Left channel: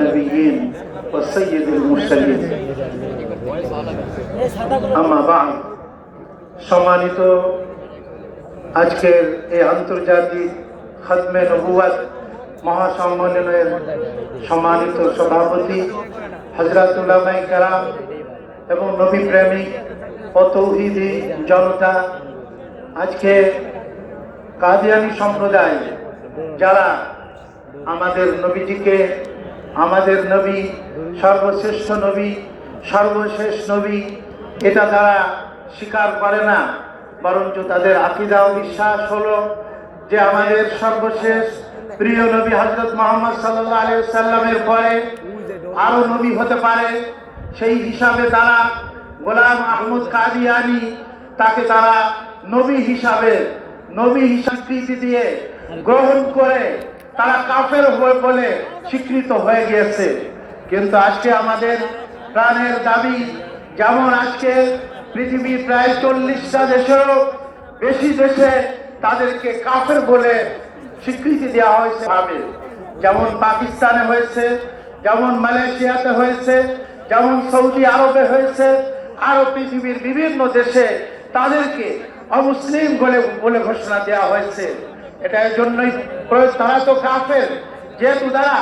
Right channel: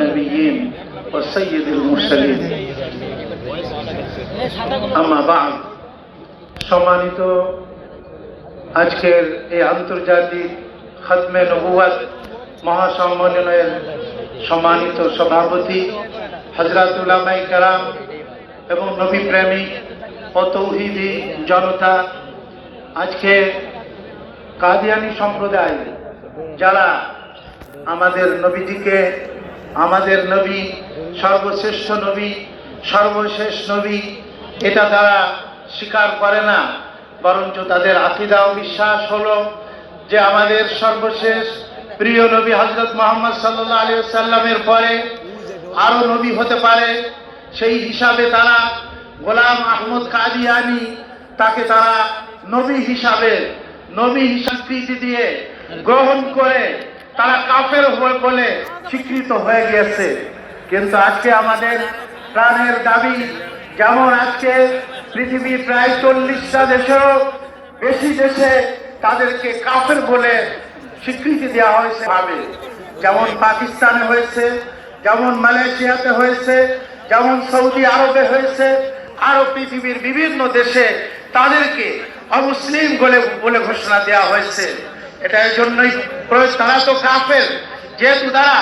النبيين وسيد المرسلين أما بعد সম্মানিত আজকের এই আন্তর্জাতিক খতমে নবুয়ত মহাসম্মেলনের সম্মানিত সভাপতি হযরত উলামায়ে কেরাম এবং নবী প্রেমিক ও তৌহিদি জনতা, আজকে কাদিয়ানী সম্প্রদায় যারা আমাদের নবীজিকে, আমাদের নবী সর্বশ্রেষ্ঠ নবী, সর্বশেষ নবী, এটা তারা স্বীকার করে না, বরঞ্চ তাদের আকীদা ও বিশ্বাস হলো যে আমাদের সর্বশেষ প্রিয় নবী হযরত মুহাম্মদ সাল্লাল্লাহু আলাইহি ওয়াসাল্লামের পরে আরো নবী হতে পারে। সেই হিসাবে তারা গোলাম আহমদ কাদিয়ানী তাকে তারা নবী হিসাবে স্বীকৃতি দিয়ে গ্রহণ করে তারা কাফের বলে স্বীকৃত হয়ে গিয়েছে। কিন্তু আজকে আমাদের প্রাণের দাবি, যেমন আজকে পৃথিবীর প্রায় 40টা দেশেও বেশি দেশে তাদেরকে কাফের বলে স্বীকৃতি দেওয়া হয়েছে ভাবে, যেমন পাকিস্তানে হয়েছে, যেমন মালয়েশিয়াতে হয়েছে, যেমন সৌদি আরবে হয়েছে, আরো পৃথিবীর বিভিন্ন দেশে তাদেরকে অমুসলিম বলে ঘোষণা দেওয়া হয়েছে। এটা এর জন্যই তারা তো কাফের, যেহেতু তারা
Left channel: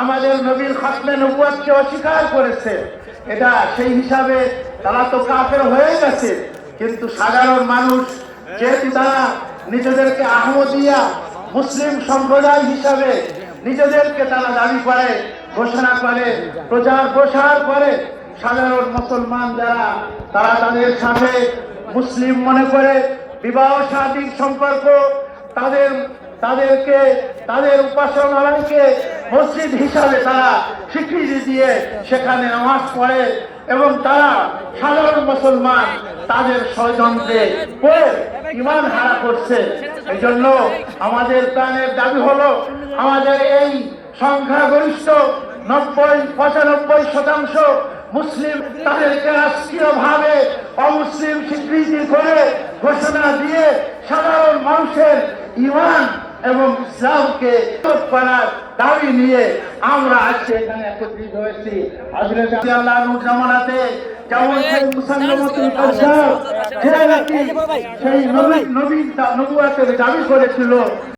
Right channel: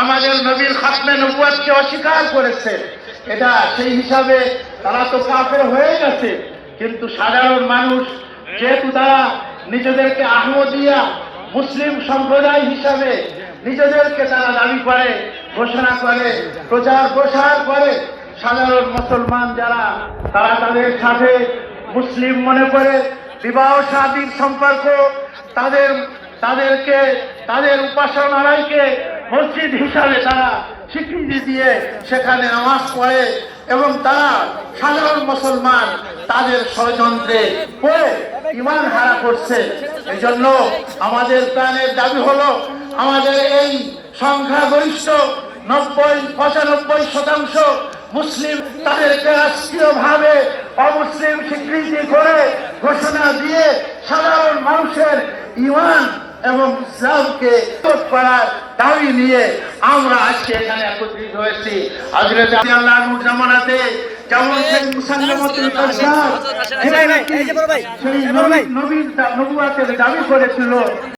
আমাদের নবীর খতমে নবুয়তকে অস্বীকার করেছে, এটা সেই হিসাবে তারা তো কাফের হয়ে গেছে। কিন্তু সাধারণ মানুষ, যেহেতু তারা নিজেদেরকে আহমদিয়া মুসলিম সম্প্রদায় হিসাবে নিজেদেরকে তারা দাবি করে, ঘোষণা করে, প্রচার প্রসার করে, সাধারণ মুসলমান যারা তারা তাদের সাথে মুসলিম মনে করে বিবাহ শাদীর সম্পর্ক, তাদের উপাসনালয়কে মসজিদ হিসাবে তারা স্বীকৃতি দিয়ে সেখানে নামাজ পড়ে এবং তারা সাধারণ মুসলমান তাদের ষড়যন্ত্রে পড়ে ঈমান হারা করছে। এই জন্য আমাদের প্রাণের দাবি হলো, আমাদের এই সংখ্যাগরিষ্ঠ 95% মুসলিম তাদেরকে রাষ্ট্রীয়ভাবে অমুসলিম স্বীকৃতি করে ঘোষণা দিয়ে সাধারণ মানুষের ঈমান এবং ইসলামকে করার দাবি নিয়ে আমরা আজকে এখানে একত্রিত হয়েছি। হযরত আল্লাহ নূর জামানাতে যেমন সেই মুসাল্লিমাতুল কাজ্জাব সেই নবীর নবুয়তের দাবি করেছিল,